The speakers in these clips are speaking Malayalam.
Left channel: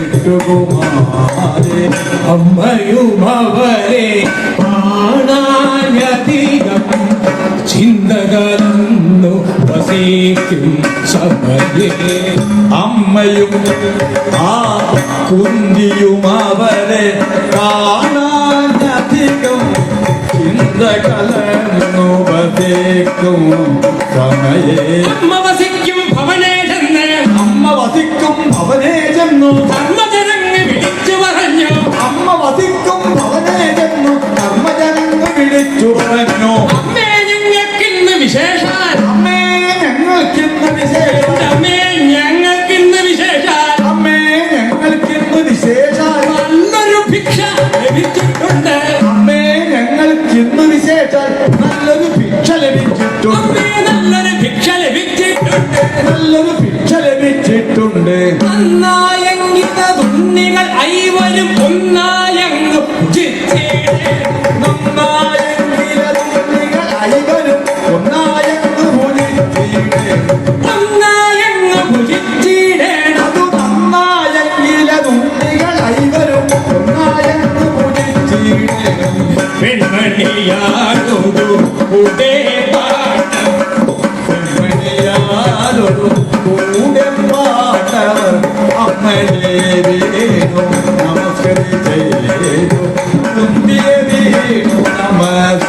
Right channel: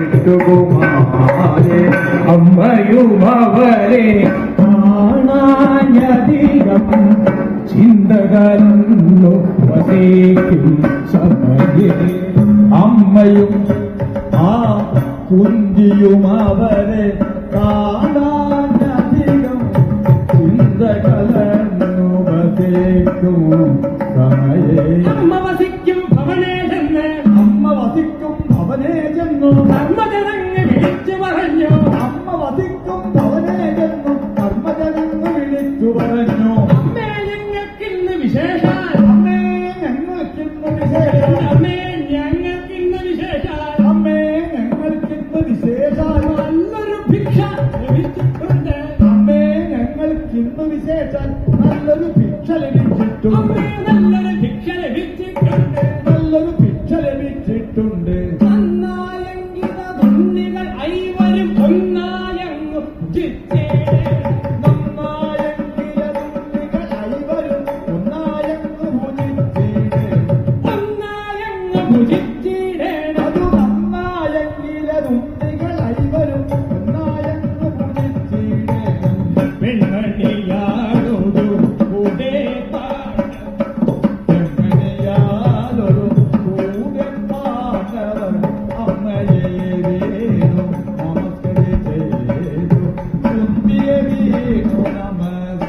കുമാരെ അമ്മയും അവരെ കാണാനധികം ചിന്തകളൊന്നു വസിക്കും സമയേ അമ്മയും ആ കുന്തിയും അവരെ കാണാനധികം ചിന്ത വസിക്കും സമയേ. నల్లని భిక్షలు విద్యుత్ నల్లని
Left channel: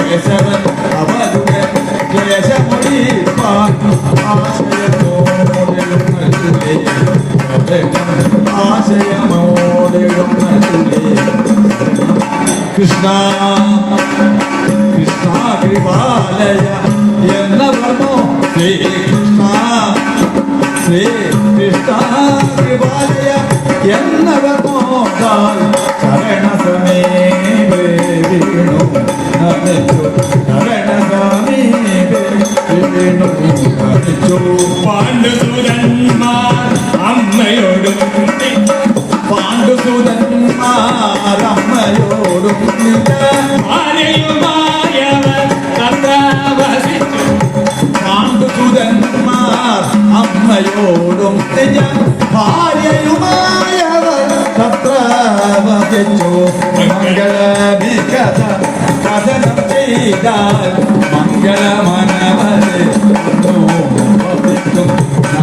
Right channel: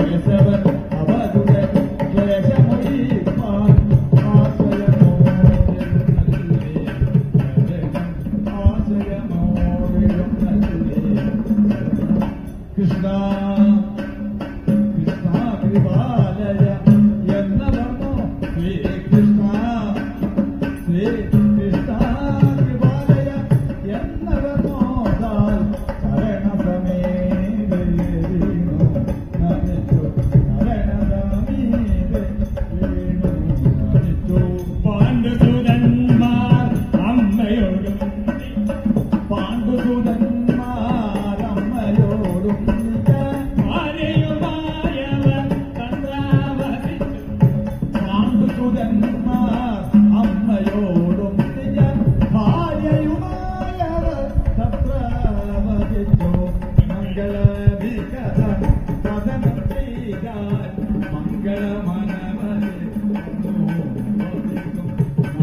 കേശവൻ അവരുടെ കേശമൊഴിപ്പാൻ ആശയമോടെ കൃഷ്ണ കൃഷ്ണ കൃപാലയ എന്ന വർമ്മോ ശ്രീ കൃഷ്ണ ശ്രീ കൃഷ്ണ കൃപാലയ എന്ന വർമ്മോ ശരണ സമീപേ അമ്മയോടും ഭാര്യയുമായവർ തത്ര വസിച്ചു മംഗളവികഥ കഥനം ചെയ്താൽ മംഗളമനവരെ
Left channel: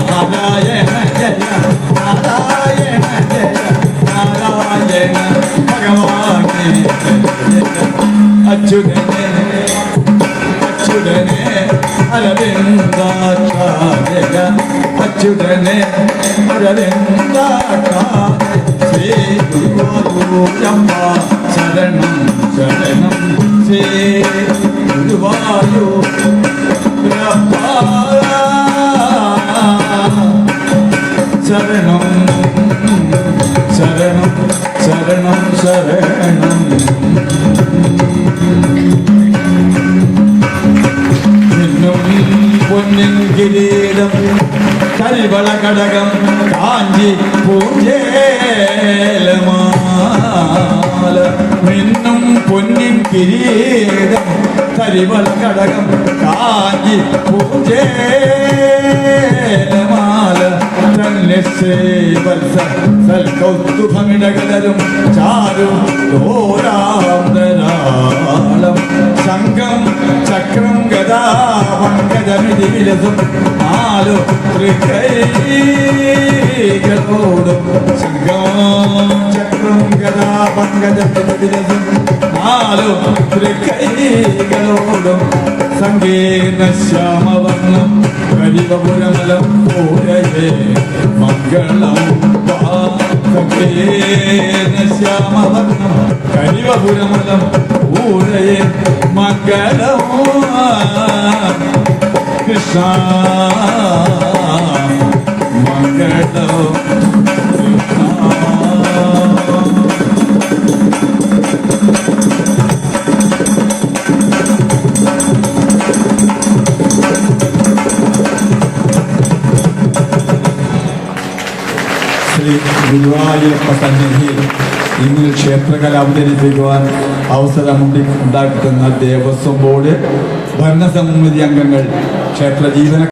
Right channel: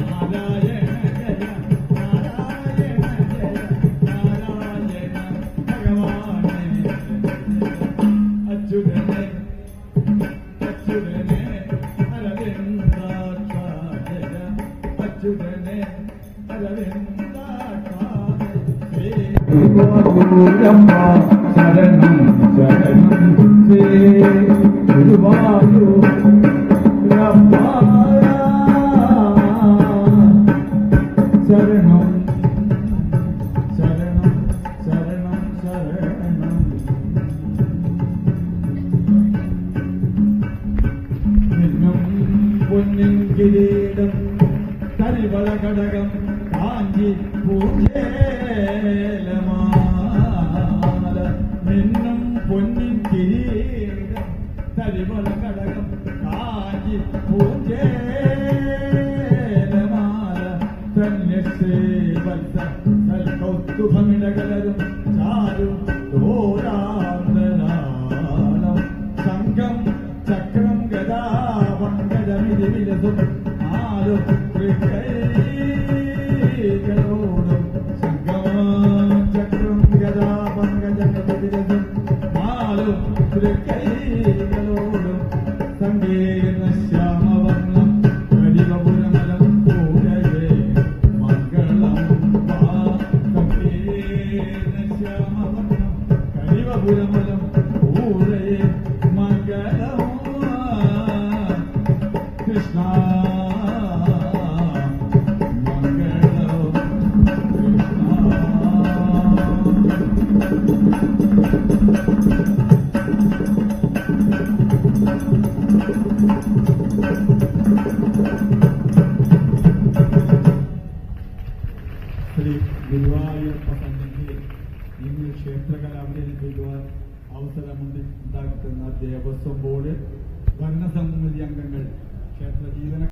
നാരായണ ജയ നാരായണ ജയ നാരായണ ഭഗവാനെ. അച്യുതനെ അച്യുതനെ ശ്രീ ഗുരുവായൂരമ്മ ശരണം ശരണം ശ്രീ ഗുരുവായൂർ കൽവള കടകം കാഞ്ചി പൂജേലമാല മിന്നും പൊന്നിൻ കിരീടം കരിവൾ കടകം കാഞ്ചി പൂജേലമാല വത്സ സൽക്കൗതുഭമിടകലരും ചാരു ഘോരാന്തരാളം ശംഖം ചക്രം ഗദാ പങ്കജമിതി വിലസും ശംഖം ചക്രം പങ്കജമിതി വിലസും നാലു തൃക്കൈകളോടും സങ്കീർണ ശ്യാമവർണം കരിവപുരമലം പൂരയേ മംഗളം നാളികേര ശ്യാമവർണം കരിവപുരമലം ഊഴയെ മംഗളമോ കൃഷ്ണ ഗുരുവായൂരപ്പ സന്നിധിയിൽ ഇന്ന് ക്ഷേത്രകല അവതരിപ്പിക്കുവാൻ അവസരമുണ്ടി ഉണ്ടാക്കുന്ന ദേവസ്വം ബോർഡ് ഭരണസമിതി അംഗങ്ങൾ ക്ഷേത്ര ജീവന